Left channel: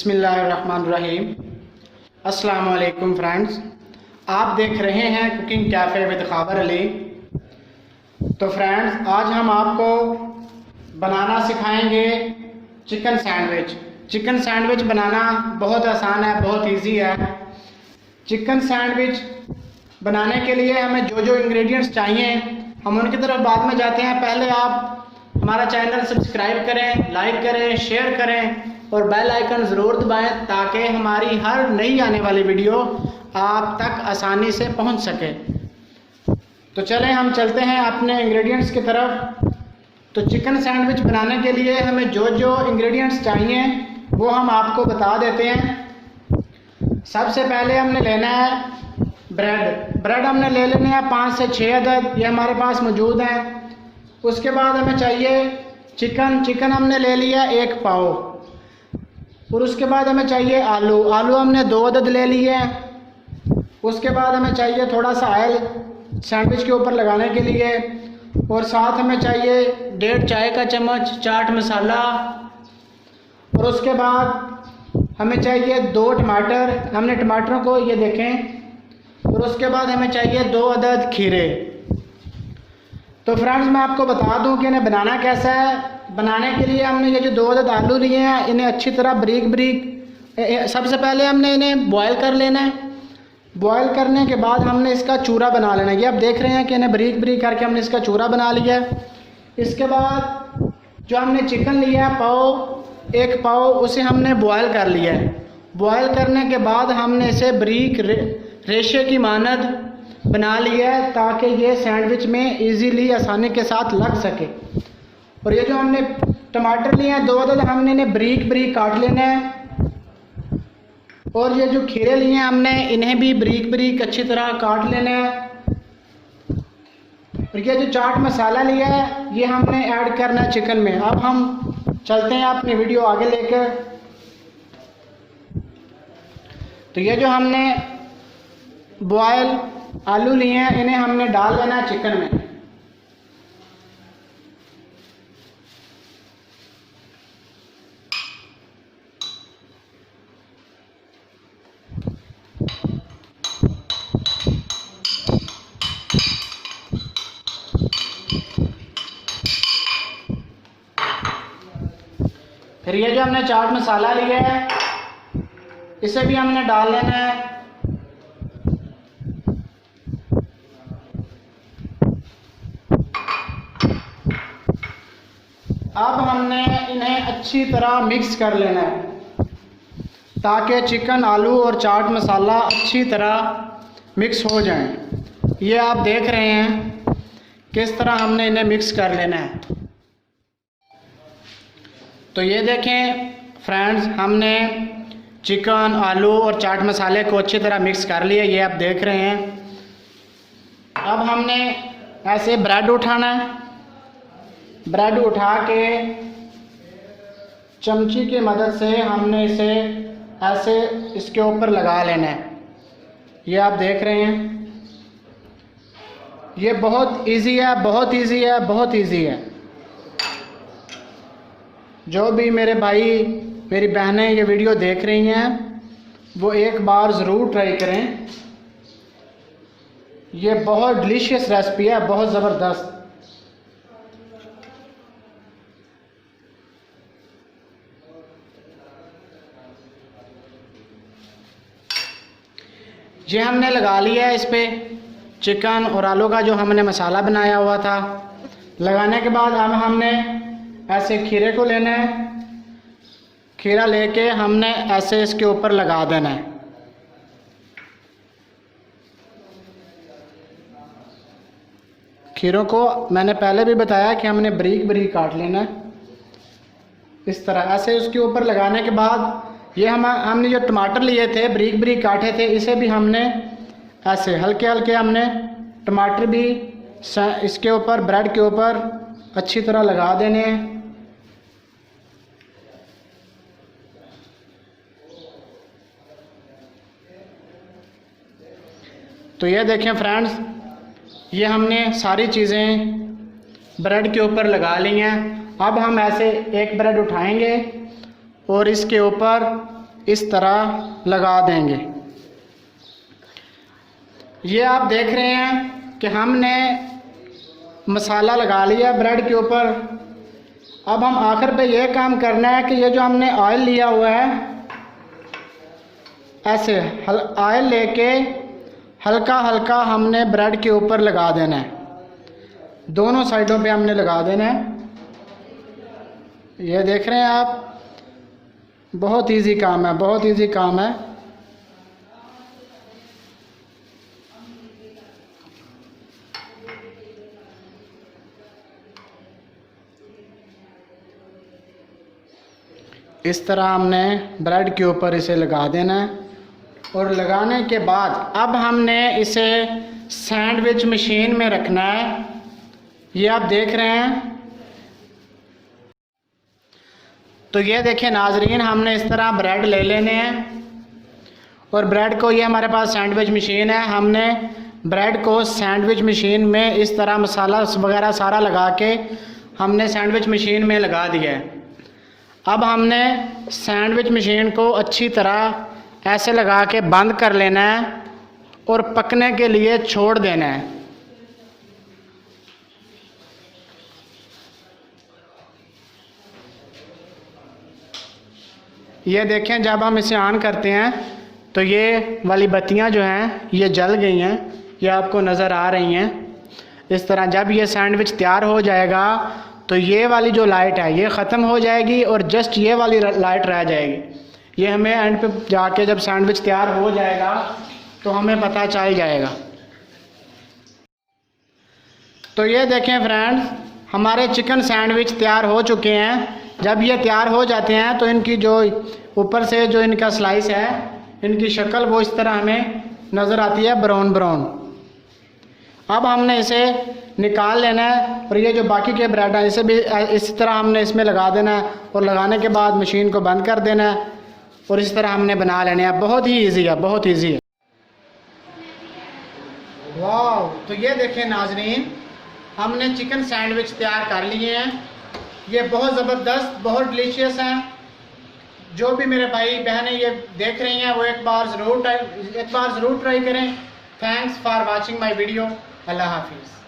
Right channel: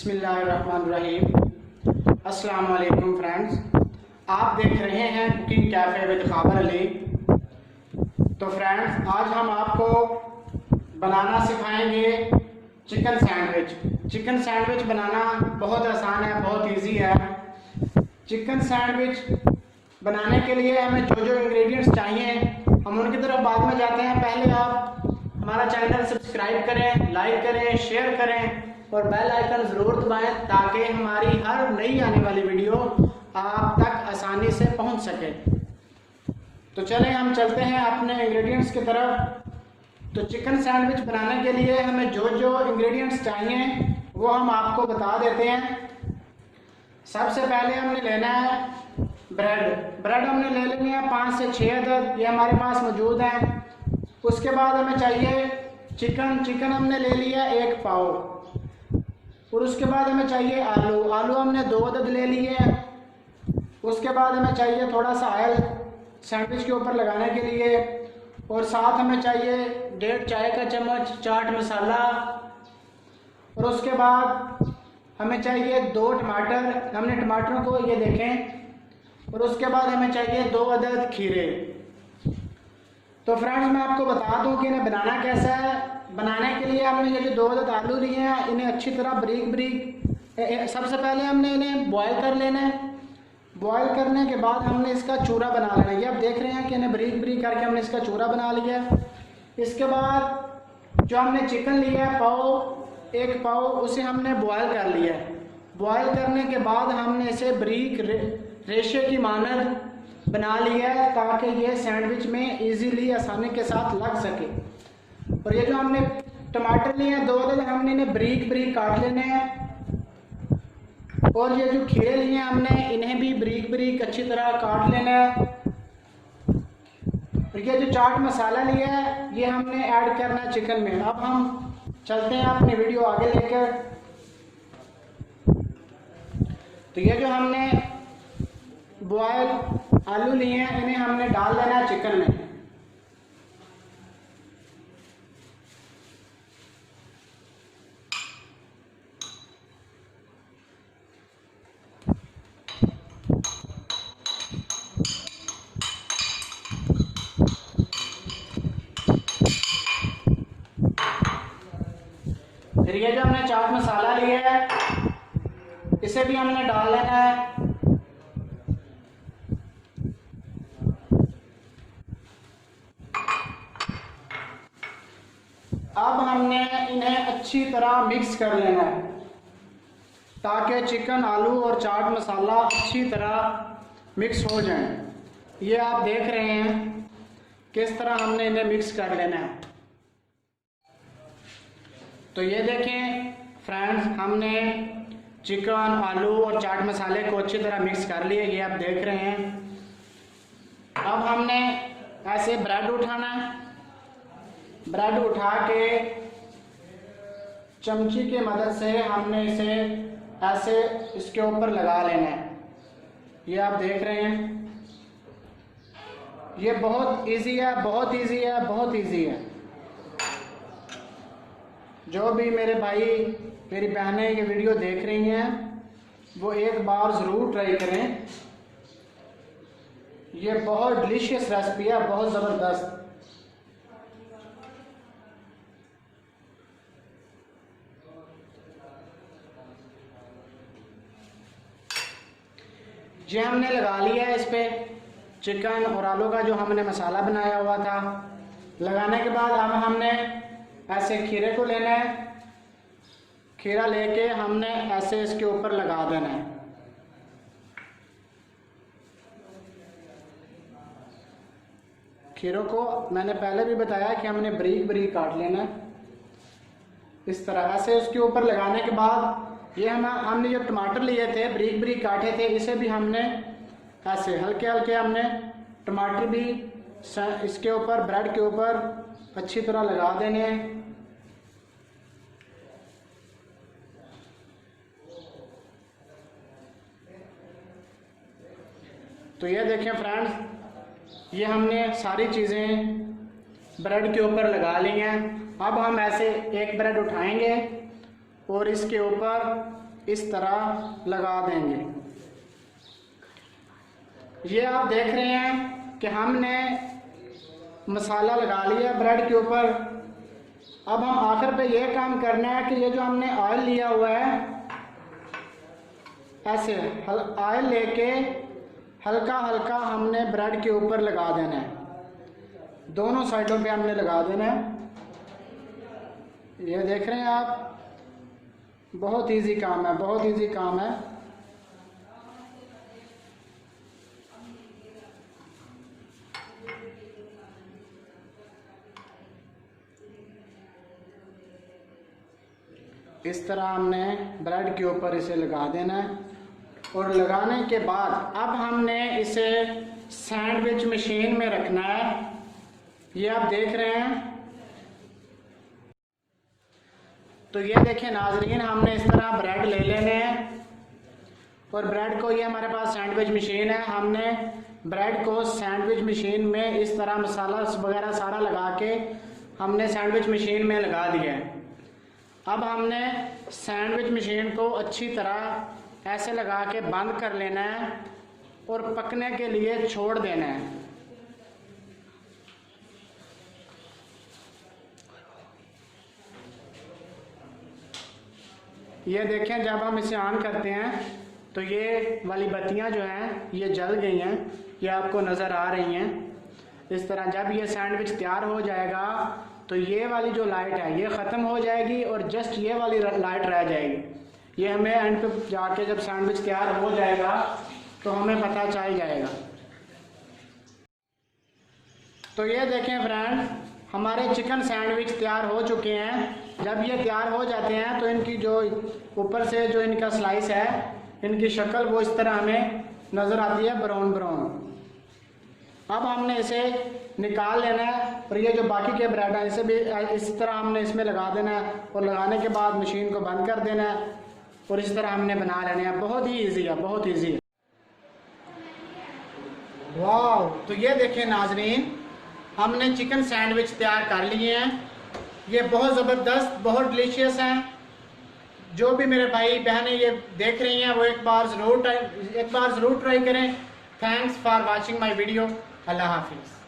बिस्मिल्लाहिर्रहमानिर्रहीम। अस्सलाम वालेकुम फ्रेंड्स, आप देख रहे हैं कुकिंग कैफ़े विद खबर अली। तो फ्रेंड्स, आज हम आपको बनाना सिखाएंगे चिकन सैंडविच। चिकन सैंडविच बनाना बहुत आसान है, बहुत इजी है। चिकन सैंडविच बनाने के लिए हमें जो जो इंग्रेडिएंट्स चाहिए हम उनकी तरफ बाद में जाते हैं। पहले आप हमारा चैनल सब्सक्राइब करें, लाइक करें, शेयर करें और बेल आइकन ज़रूर दबाएं ताकि हमारी हर नई आने वाली वीडियो आप तक आसानी से पहुंच सके। तो चलें हम चलते हैं अपने इंग्रेडिएंट्स की तरफ। तो चिकन सैंडविच बनाने के लिए हमें जो जो इंग्रेडिएंट्स चाहिए वो हम आपको बता देते हैं। सबसे पहले हमने लेना है ब्रेड हमने ले लेने हैं 5 से 6 अदद, ये हमारे पास मौजूद है। उसके बाद हमें चाहिए चिकन हमने ले लिया 1 पाव। और उसके बाद हमें चाहिए आलू हमने 2 अदद ले लिए हैं। उसके बाद हमें चाहिए थोड़ा सा ऑयल सैंडविच के ऊपर लगाने के लिए। और साथ हमें चाहिए 1.5 चाय का चम्मच चाट मसाला। और उसके बाद हमें चाहिए 2 टमाटर, हमने टमाटरों को ये देखें। और उसके बाद हमें चाहिए 2 अदद खीरे। तो फ्रेंड्स, मैं आपको बता दूं कि इन्हें बनाना कैसा है। बनाने के लिए हमने ये जो 2 अदद आलू लिए हैं इन्हें अच्छी तरह बारीक सबसे पहले हमने इन्हें बॉयल कर लेना है। बॉयल करने के बाद हमने इसका चूरा बना लेना है। ये आप देख रहे हैं कि इन्हें बारीक करके हमने इसका चूरा बना लिया है। इसके बाद जो हमने चिकन लिया है 1 पाव, उसे हमने बॉयल कर लिया है। बॉयल करने के बाद हमने इसे बारीक रेशे की मानद बना लिया है ताकि ये सैंडविच में इजीली आसानी के साथ लग सके। और ये जो हमने टमाटर लिए हैं 2 अदद, हमने इन्हें बारीक काट लेना है। और ये जो खीरे लिए हैं हमने इन्हें भी बारीक अच्छी तरह काट लेने हैं। और ये जो चाट मसाला लिया है ये हमने ऐड करना है चिकन में। अब हम चलते हैं अपनी वीडियो आगे लेकर। तो ये जो हमने बॉयल आलू लिए हैं इन्हें हमने डाल देना है चिकन में। फिर ये जो हमने चाट मसाला लिया है इसे भी हमने डाल लेना है। अब हमने इन्हें अच्छी तरह मिक्स कर लेना है ताकि चिकन, आलू और चाट मसाला अच्छी तरह मिक्स हो जाएं। ये आप देख रहे हैं किस तरह हमने इन्हें मिक्स कर लेना है। तो ये देखें फ्रेंड्स, हमने चिकन, आलू और चाट मसाले को अच्छी तरह मिक्स कर लिया, ये आप देख रहे हैं। अब हमने ऐसे ब्रेड उठाना है। ब्रेड उठा के चमची की मदद से हमने इसे ऐसे इसके ऊपर लगा लेना है। ये आप देख रहे हैं, ये बहुत इजी है, बहुत इजी है। जो भी मेरे भाई मेरी बहनें ये वीडियो देख रही हैं वो एक बार ज़रूर ट्राई करें। ये बहुत डिलीशियस रेसिपी है, बहुत ज़बरदस्त। ये हमने लगा लिया है इस पे चिकन और आलू का जो हमने मसाला बनाया हुआ था। लगाने के बाद अब हमने ऐसे खीरे को लेना है। खीरा लेके हमने ऐसे इसके ऊपर लगा देना है। खीरों को मैंने पहले भी बताया कि हमने बारीक काट लेना है। इस तरह ऐसे उसके ऊपर लगाने के बाद ये हमने जो टमाटर लिए थे बारीक काटे थे इसे भी हमने ऐसे हल्के हमने टमाटर भी इसके ऊपर ब्रेड के ऊपर अच्छी तरह लगा देने हैं। तो ये देखें फ्रेंड्स, ये हमने सारी चीज़ें ब्रेड के ऊपर लगा ली हैं। अब हम ऐसे एक ब्रेड उठाएंगे और इसके ऊपर इस तरह लगा देंगे। ये आप देख रहे हैं कि हमने मसाला लगा लिया ब्रेड के ऊपर। अब हम आखिर पे ये काम करना है कि ये जो हमने ऑयल लिया हुआ है, ऐसे ऑयल लेके हल्का हल्का हमने ब्रेड के ऊपर लगा देना है। दोनों साइडों पे हमने लगा देना है। ये देख रहे हैं आप, बहुत इजी काम है, बहुत इजी काम है। इस तरह हमने ब्रेड के ऊपर इसे लगा देना है। और लगाने के बाद अब हमने इसे सैंडविच मशीन में रखना है। ये आप देख रहे हैं। तो ये देखिए नाजरीन, हमने इस तरह ब्रेड ले लेने हैं और ब्रेड को, ये हमारे पास सैंडविच मशीन है, हमने ब्रेड को सैंडविच मशीन में इस तरह मसाला वगैरह सारा लगा के हमने सैंडविच मशीन में लगा दिया है। अब हमने सैंडविच मशीन को अच्छी तरह ऐसे लगा के बंद कर लेना है और पकने के लिए छोड़ देना है। ये देखें, जब हम इसे ऑन करते हैं तो ये वाली बत्तियां जो हैं ये जल गई हैं, ये आपको नज़र आ रही हैं। इस तरह जब ये सैंडविच तैयार हो जाएगा तो ये वाली जो लाइट है ये ख़त्म हो जाएगी और जस्ट ये वाली लाइट रह जाएगी। ये हमें एंड पे जाके जब सैंडविच तैयार हो जाएगा तो हमें पता चल जाएगा। तो ये देखें फ्रेंड्स, हमारे चिकन सैंडविच तैयार हो चुके हैं। जब ये तैयार हो जाते हैं तो इनकी जो ऊपर से जो इनका स्लाइस है, इनकी शक्ल वो इस तरह हमें नज़र आती है, ब्राउन ब्राउन। अब हमने इसे निकाल लेना है और ये जो बाकी के ब्रेड है इसे भी इस तरह हमने इसमें लगा देना है और लगाने के बाद मशीन को बंद कर देना है और इस तरह हमने बना लेने हैं। बहुत ही ईजी है, बहुत ईजी है। वाह! तो ये देखें नाजरीन, हमने चिकन सैंडविच तैयार कर लिए हैं। ये बहुत ज़बरदस्त, बहुत डिलीशियस हैं। जो भी मेरे भाई बहनें ये देख रही हैं वो एक बार ज़रूर ट्राई करें। Thanks for watching my video. Allah हाफिज़।